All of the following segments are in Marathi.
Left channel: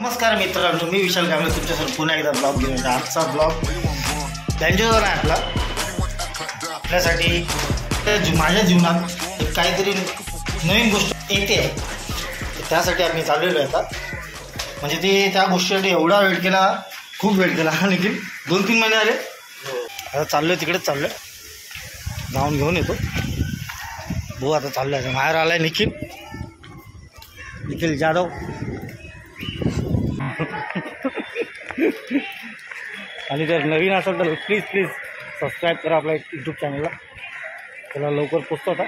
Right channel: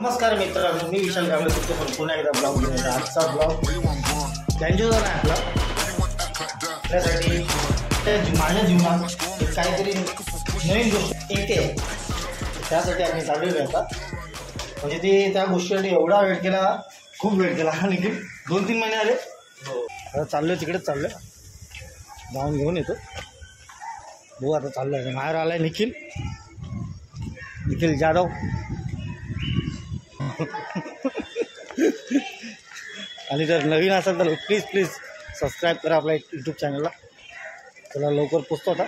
नमस्कार मित्रांनो, मी विशाल कांबळे तुमच्यासमोर पुन्हा एकदा ब्लॉग घेऊन येतो। आजचा ब्लॉग त्यांच्यावर आहे आपल्यासाठी माझ्या जीवनात काहीतरी नवीन गोष्ट येते, त्यासाठी आम्ही चाललेलो आहे आता। म्हणजे ते त्या गोष्टीसाठी एवढा वेट केला, खूप वेट केला, लेकिन 2-3 महिने आले। आता चाललो आहे, तिकडेच चाललो आहे, जाऊन घेऊन येतो। भाऊ आता चाललो आहे, बाहेर आला आहे निखिल जाधव। आणि जर नवीन असेल तर प्लीज सबस्क्राईब करा आपल्या यूट्यूब चॅनलला। चला लवकर पोचतो आता।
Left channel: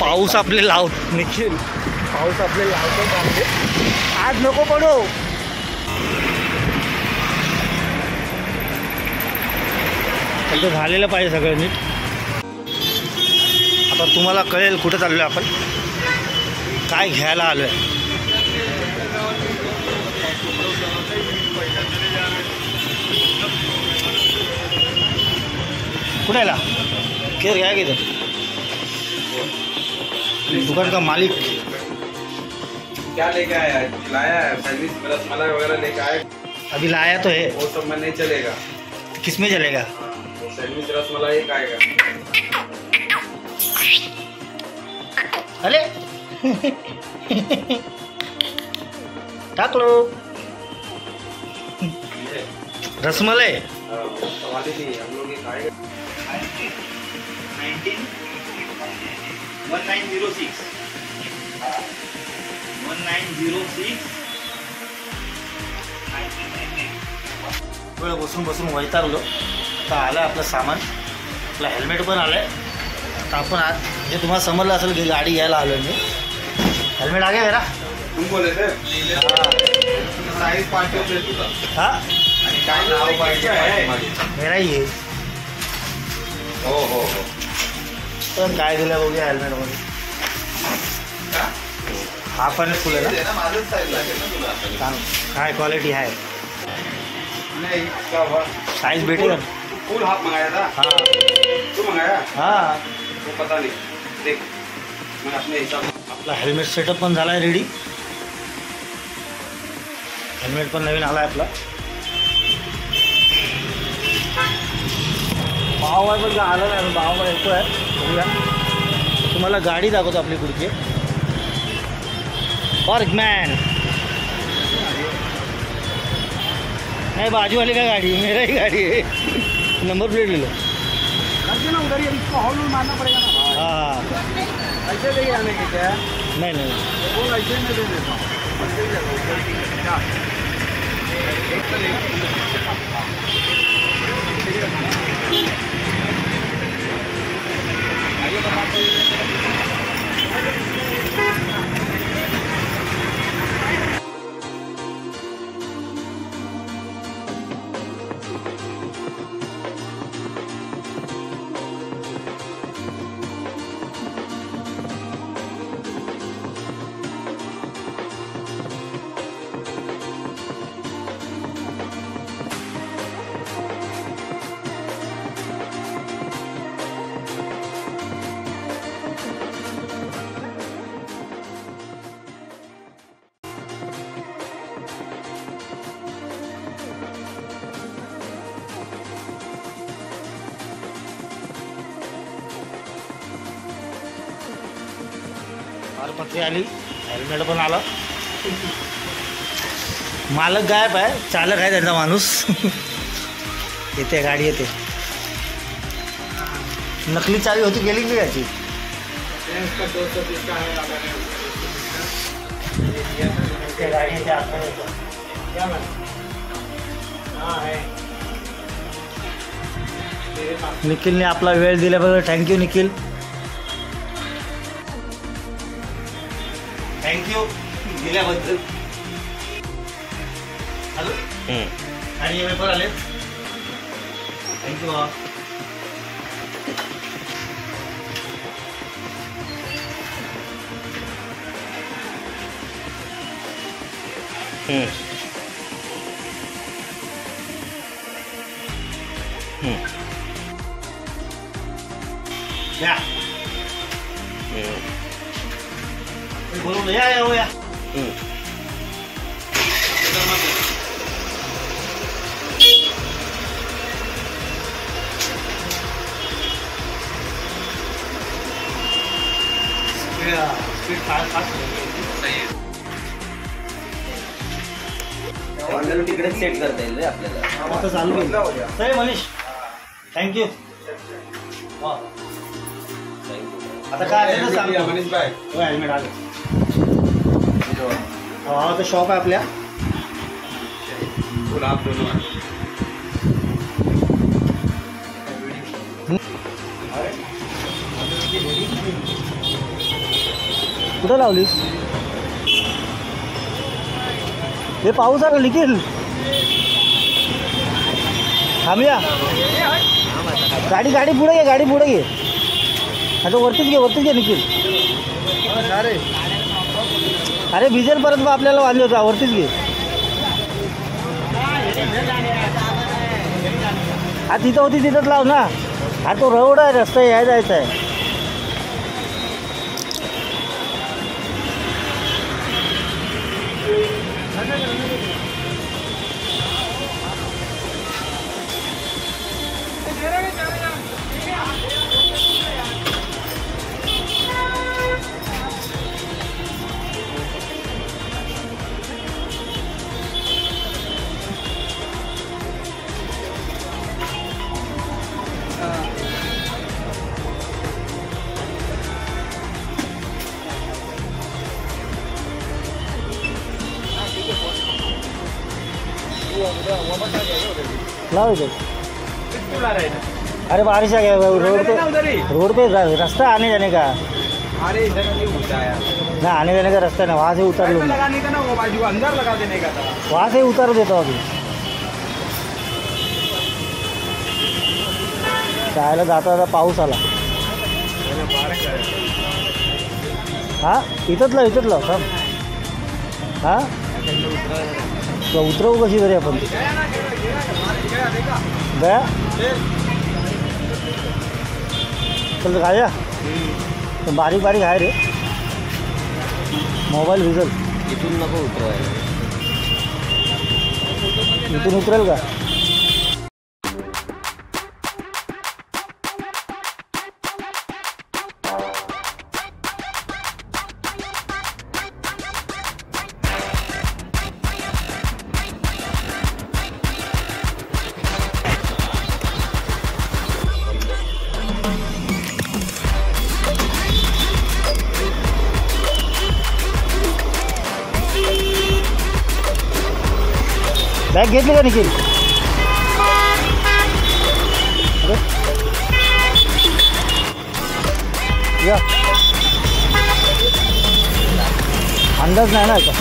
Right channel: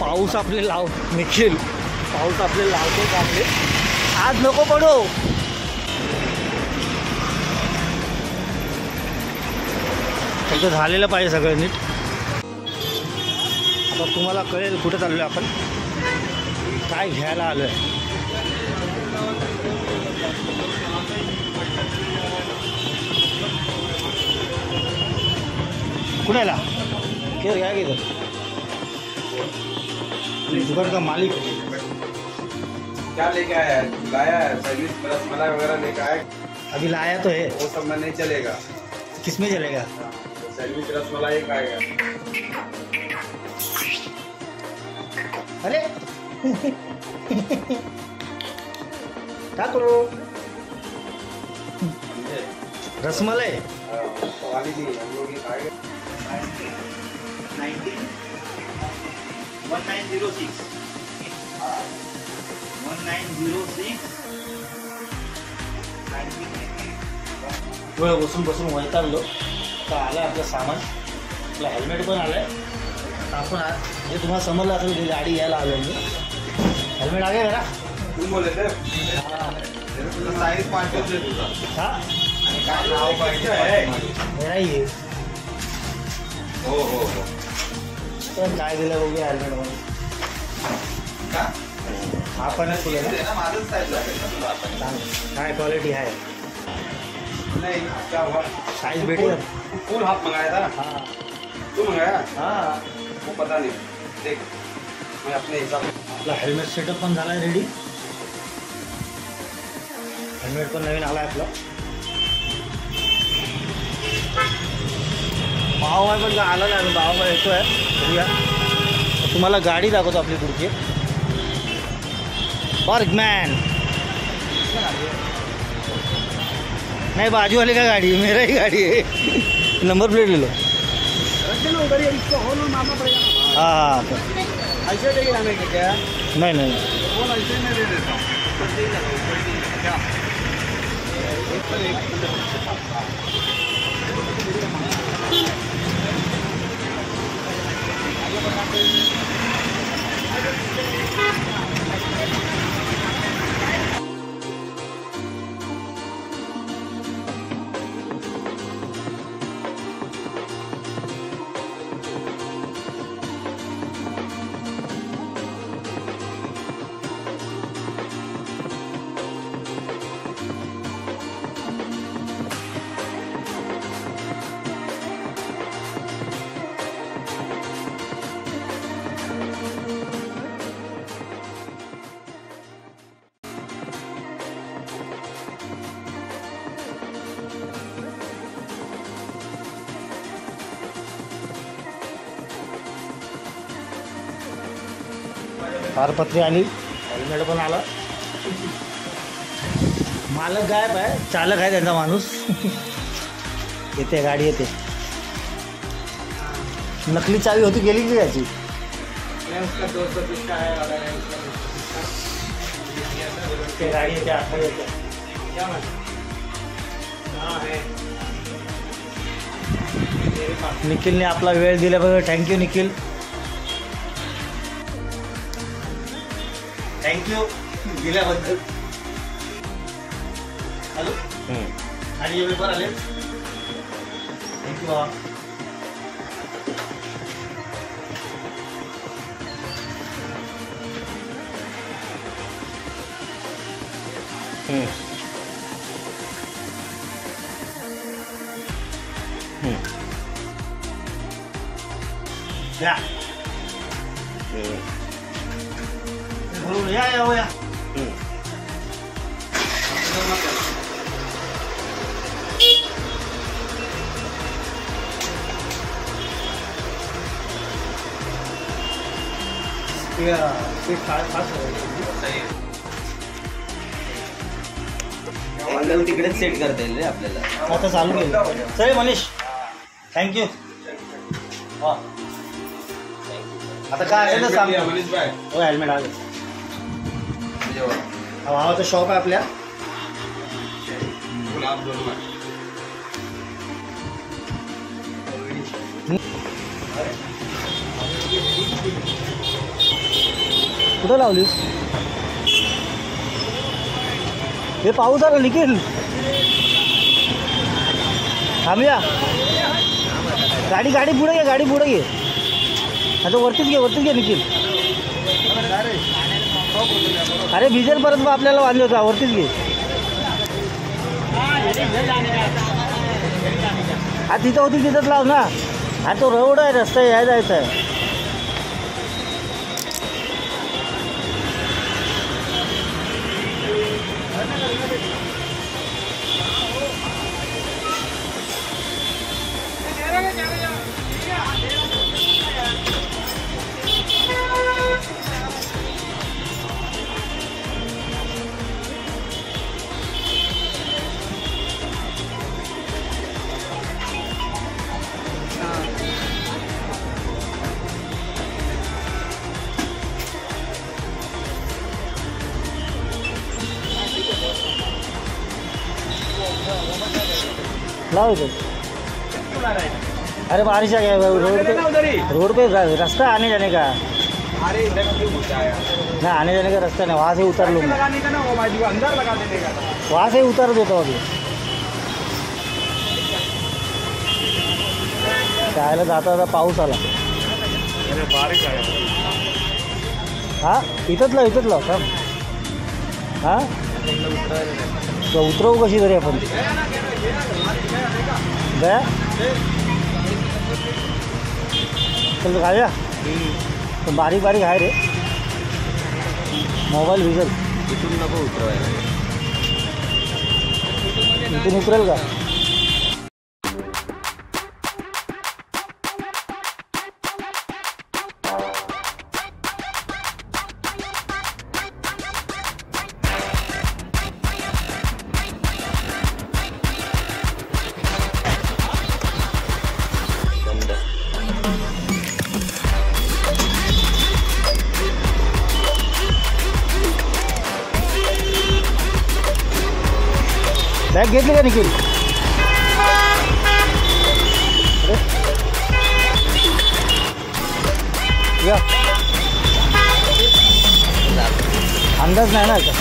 पाऊस आपले निखिल पाऊस आपले लावतो कांदे, आज नको पडो। फक्त झालेलं पाहिजे सगळं नीट। आता तुम्हाला कळेल कुठे चाललो आहे आपण, काय घ्यायला आलो आहे। कुठे आला खेर घ्या किधर दुकान का मालिक क्या लेके आया है? लाया है सर्विस रसमलाई वगैरह लेके आया। अभी लाया तो है, वो सब में नहीं चलेगा। किस में चलेगा? सर्विस रसमलाई एक आएगा। अरे टाकलो रसमलाई वाली नहीं, हम लोग ये खाएंगे। 1906 वेळ बसून वैतागलो। तर आलं आपलं सामान, आपलं हेल्मेट पण आलं आहे। तर आपण आज म्हणजे तुम्हाला समजलं असेल की गाडी घ्यायला आलो मी। हेल्मेट आ गया मेरा, तुम बोले थे साइज पार्टी दे दूंगा। हाँ मेरा ही है। हो तर काय दिलं बघूया हेल्मेटमध्ये। हा पण फुल आहे ना, काय क्वालिटी आहे, साईज भेटेल। फुल हाफ मंगाया था। हाँ तू मंगाया? हाँ वो पता नहीं, देख मैं अपने हिसाब से। आपला हेल्मेट सेटअप पण झाला आहे रेडी. हेल्मेट पण नवीन आला आहे आपला. भाव पण आला नाही, भाव येतो आहे. बघूया तुम्हाला गाडी दाखवतो आपली पुढची. बर्गमैन नहीं, बाजू वाले का गाड़ी है, मेरा ही गाड़ी है. नंबर प्लेट ले लो. रख देना उधर ही, इसको हॉल में मारना पड़ेगा ना. हाँ ऐसे लेके आने के क्या? नहीं फोन ऐसे में दे देता हूँ. ऊपर से ही लगा, ऊपर से ही लगा. एक तो तारपत्री आली, हेल्मेट पण आला. मालक गायब आहे, चालक आहे त्यांचा माणूस. येते गाडी येते. नकली चावी होती, गेली की याची. उसका 230 का है, वाला है उसका 230 का. गाडी येते, आतमध्ये येते. क्या man? हाँ है मेरे पास. निखिलने आपला वेळ दिल्याबद्दल थँक्यू निखिल. थँक्यू दिल्याबद्दल. हॅलो आणि हे पेपर आले. थँक्यू. द्या. बोलून या या या. तिकडे सेट करता येईल रे आपल्याला. आता चालू होईल. चल मनीष, थँक्यू. आता काय आहे ना सांगतो. मनीष भाई हो, हेल्मेट आले. भावाचं शॉप आहे आपल्या. गुलाब दोनों है. कुठं लावली? हे पाऊस आला निखिल. थांबूया. गाडी गाडी पुढे घे, गाडी पुढे घे. आता वरतीच घे निखिल. अरे भिजेल परत मग आपल्याला वांदे होता. वरतीच घे. हा तिथं होती तिथंच लाव ना. हा तो रोड आहे, रस्ता याय जायचा आहे. लाओ इधर। अरे बारिश आ गया रोड पे रास्ता आने जाने का। अरे इधर क्यों होता है? ना आने जाने का रास्ता नहीं, वहाँ से उतर लूँगा। लगाने का ना वो बाजू अंदर लगा देने का। वहाँ से उतर देता हूँ अभी। त्याला जाता जाता पाऊस आला। हाँ इथंच लाव थांब। हाँ उतरवू कशी तरी आपण गया चल घालूया तर बारीक बारीक आहे रे मोबाईल भिजल इथून नको उतरवायला इथून उतरेल का बॅग घेतली का निखिल अरे या अंदाज नाही ना का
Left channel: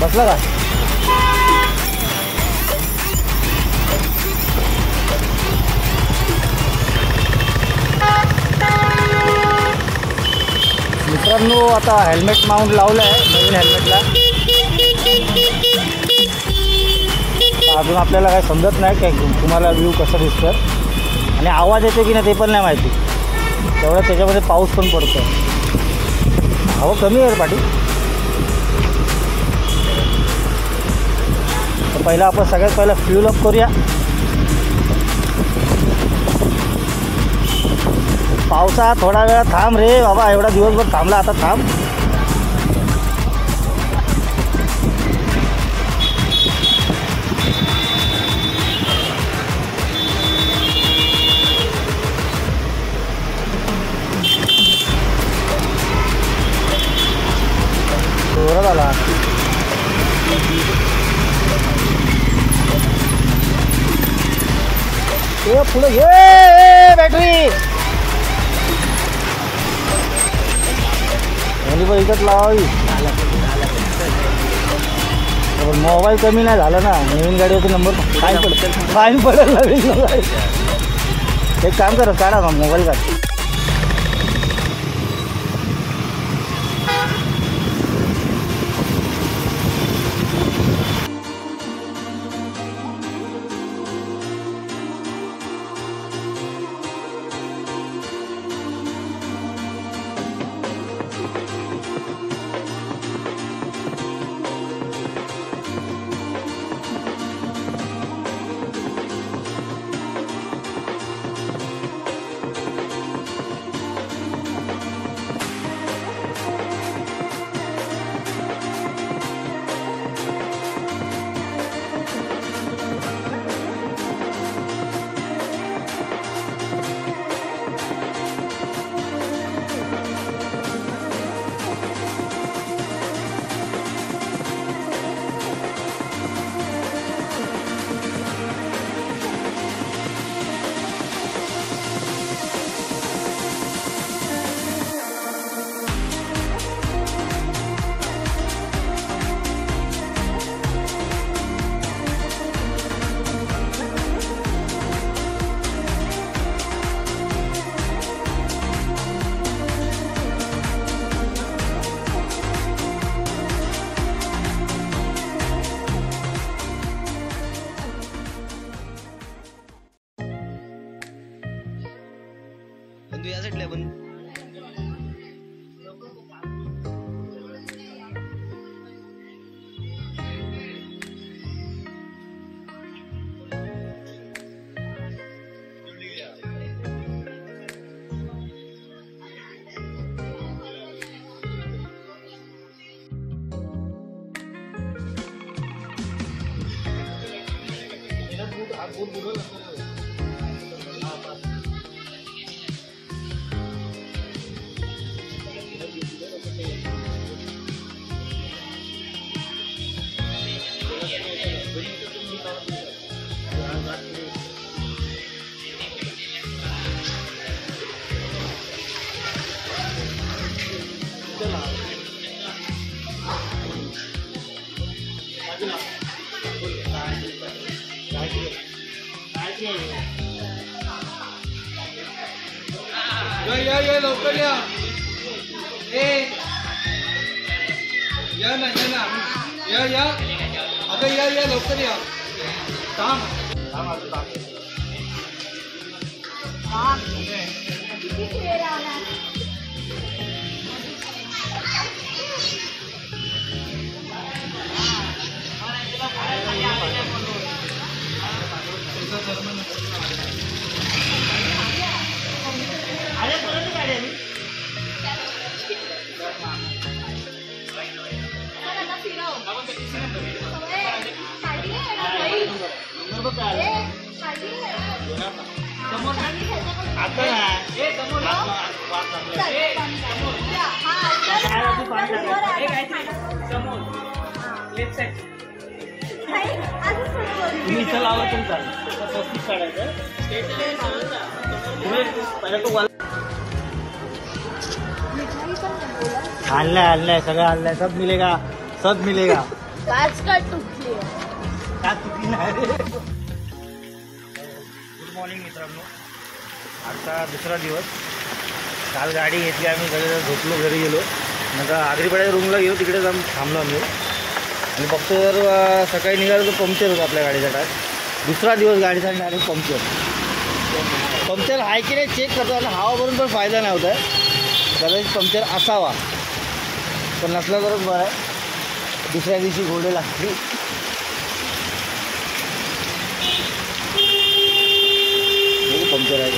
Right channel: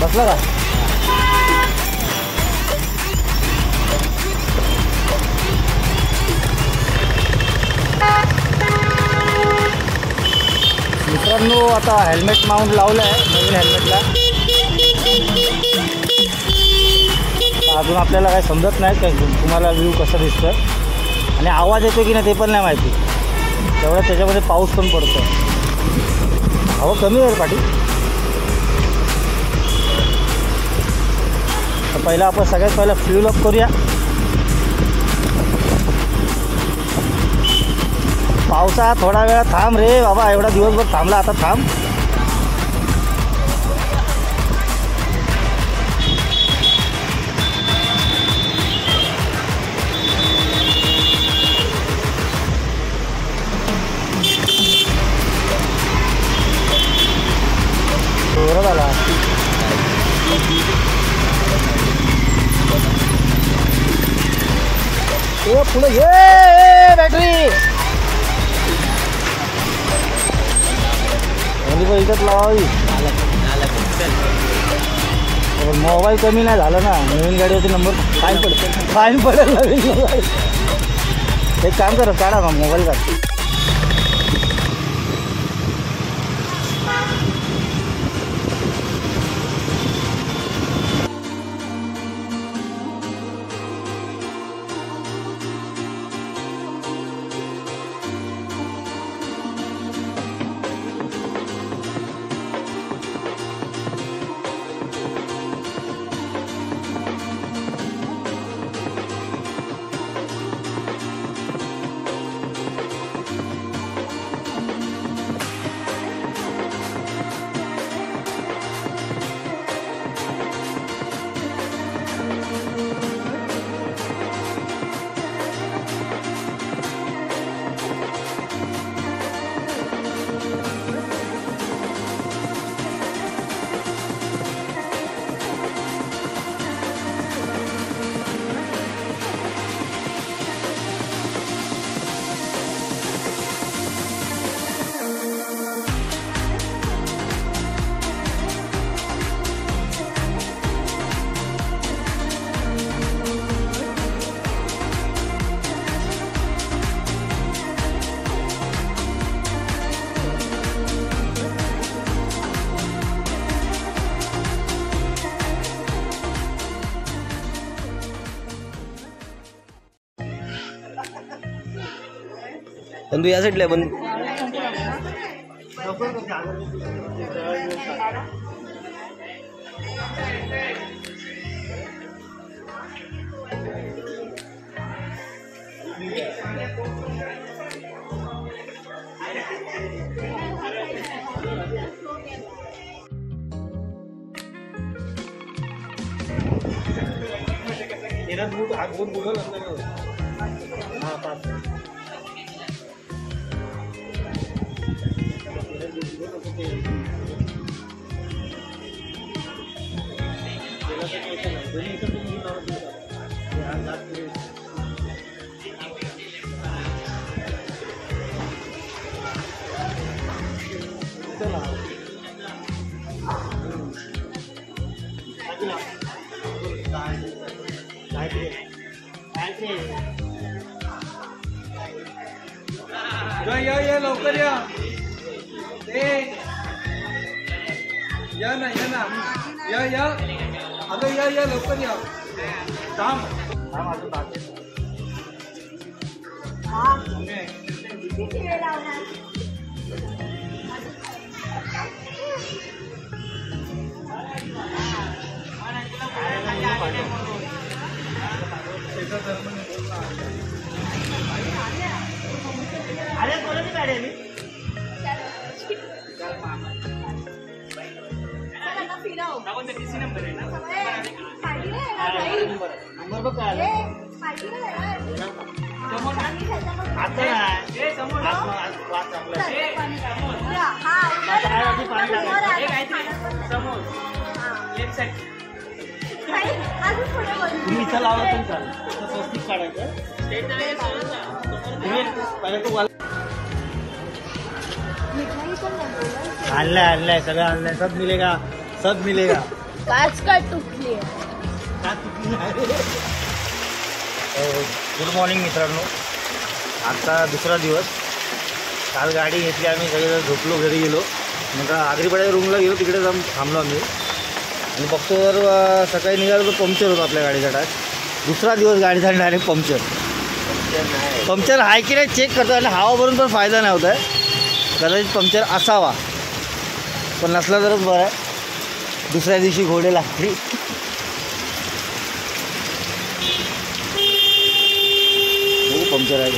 बसला का मित्रांनो आता हेल्मेट माउंट लावलं आहे नवीन हेल्मेटला अजून आपल्याला काही समजत नाही काय तुम्हाला व्ह्यू कसं दिसतं आणि आवाज येतो की नाही ते पण नाही माहिती तेवढं त्याच्यामध्ये पाऊस पण पडतो हवा कमी आहे पाठी तर पहिला आपण सगळ्यात पहिला फ्यूल अप करूया पावसा थोडा वेळ थांब रे बाबा एवढा दिवसभर थांबला आता थांब जोरात आला पुढे ये बॅटरी पण इथंच लावावी मोबाईल कमी नाही झाला ना नवीन गाडीवरती नंबर फाईन पडेल नवीन मोबाईल एक काम कर काढा मग मोबाईल काढ बंधू या साईडला बंधू या लवकर या या ना या अगं या लवकर या थांब अजून अरे कोणाची गाडी आली? नंबर बघ काय आला? आता नाही. वाद लागला. काय अजून पाणी टाकायचं? तुम्ही इथं लावलं तरी चालेल. स्वस्तिक काढायचं. आणलंय सगळं आणलंय. सब मिलेगा, सब मिलेगा. गुड मॉर्निंग मित्रांनो. आजचा दुसरा दिवस. काल गाडी घेतली आम्ही, सगळे झोपलो, घरी गेलो. नंतर आगरीपाड्याच्या रूमला गेलो, तिकडे जाऊन थांबलो आम्ही. आणि बघतो तर सकाळी निघालो तर पंक्चर होतं आपल्या गाडीचा टाक. दुसरा दिवस गाडीचा डायरेक्ट पंक्चर आहे की नाही चेक करतो. आणि हवा भरून पण फायदा नाही होत आहे. कदाचित पंक्चर असावा, पण नसला तरच बरं आहे. दुसऱ्या दिवशी घोडे लागतील. पंक्चर आहे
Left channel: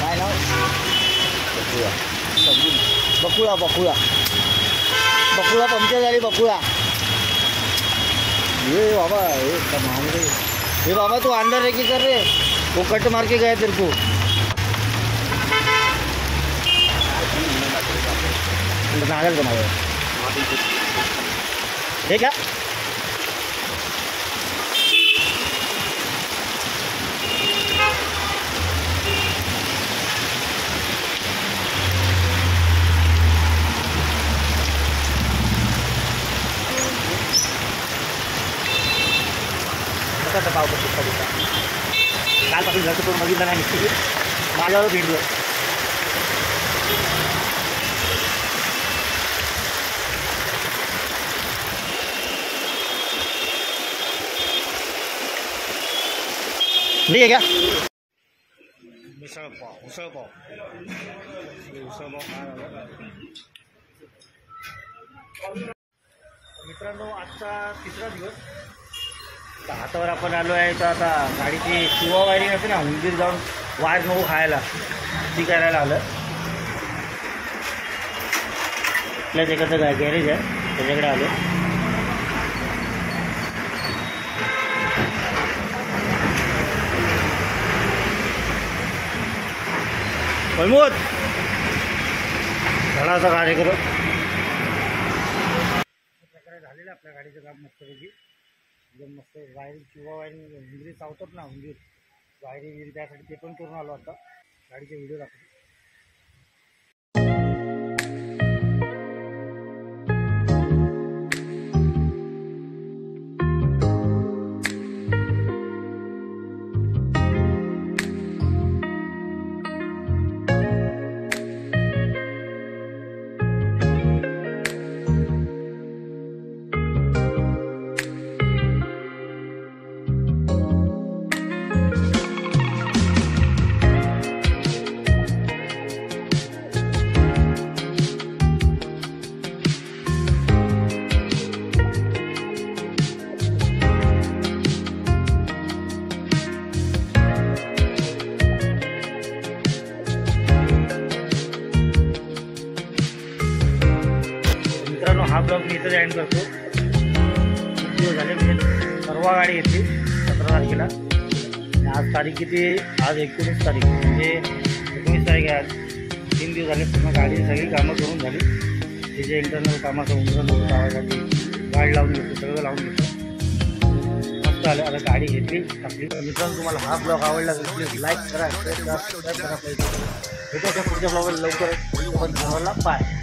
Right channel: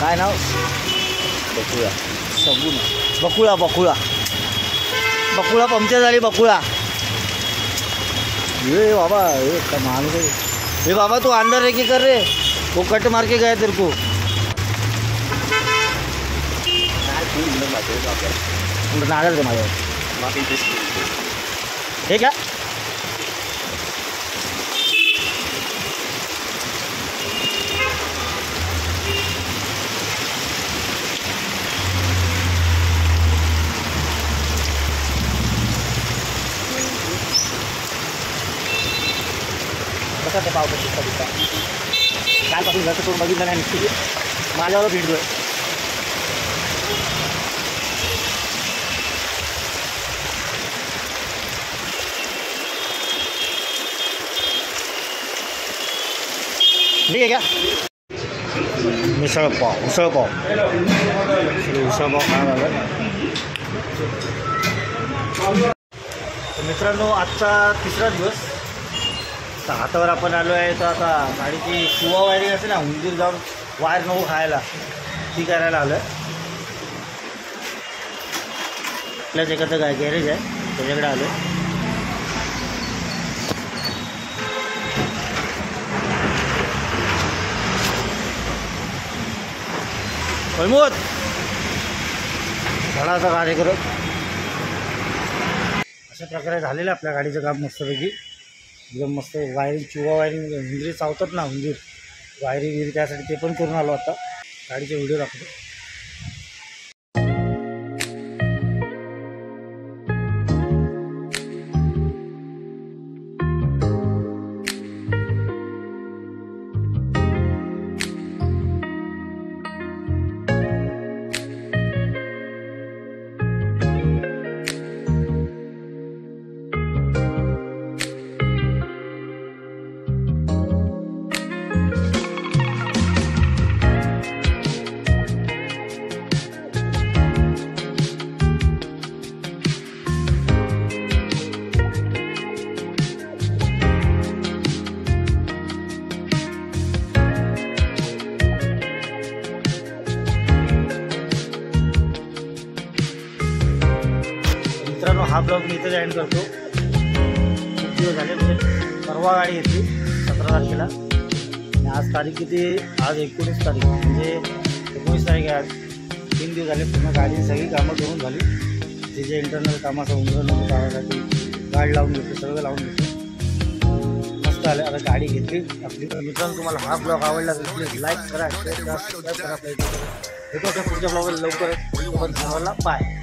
काय नाव? बकुळा. बकुळा बकुळा बकुळा पंक्चर झाली. बकुळा ये बाबा, ये कमाल रे. ये बाबा तू अंदर रे की कर रे, वो कट मार के गया तेरे को. नागल का माझ्यावर हे का? कसा पाव करतो कविता कालपासून घरचं करून बघितलं नाही. निश्चित माझ्यावर भेट देऊ. ठीक आहे का? उसळपाव उसळपाव खाणं झालं. मित्रांनो आजचा तिसरा दिवस. तर हातावर आपण आलो आहे. तर आता गाडीची शिवा वायरिंग असते ना, उंदीर जाऊन वायर नको खायला, ती करायला आलं. आपल्याच एखादं गॅरेज आहे त्याच्याकडे आलो. प्रमोद झाडाचा कार्यक्रम अशा प्रकारे झालेलं आपल्या गाडीचं काम मस्तपैकी. एकदम मस्त वायरिंग, चुवा वायरिंग, हुंदरी चावतात ना, हुंदीर वायरिंग विरी, त्यासाठी ते पण करून आलो. आता गाडीचे व्हिडिओ दाखवतो. मित्रांनो हा ब्लॉग मी इथं एंड करतो. खूप दिवस झाले. म्हणजे परवा गाडी घेतली 17 तारखेला. आणि आज तारीख किती? आज 19 तारीख. म्हणजे 19 तारीख आहे आज. 3 दिवस झाले. पूर्ण गाडीची सगळी कामं करून झाली. जे जे इंटरनल कामाचं उंदरं नको लावायसाठी गाडी लावून घेतली, सगळं लावून घेतलं. मस्त आलं. आता गाडी घेतली आपली. मित्रांनो तुम्हाला हा ब्लॉग आवडला तर प्लीज लाईक करा, शेअर करा, सबस्क्राईब करा. भेटू पुढच्या ब्लॉगला लवकर. बाय.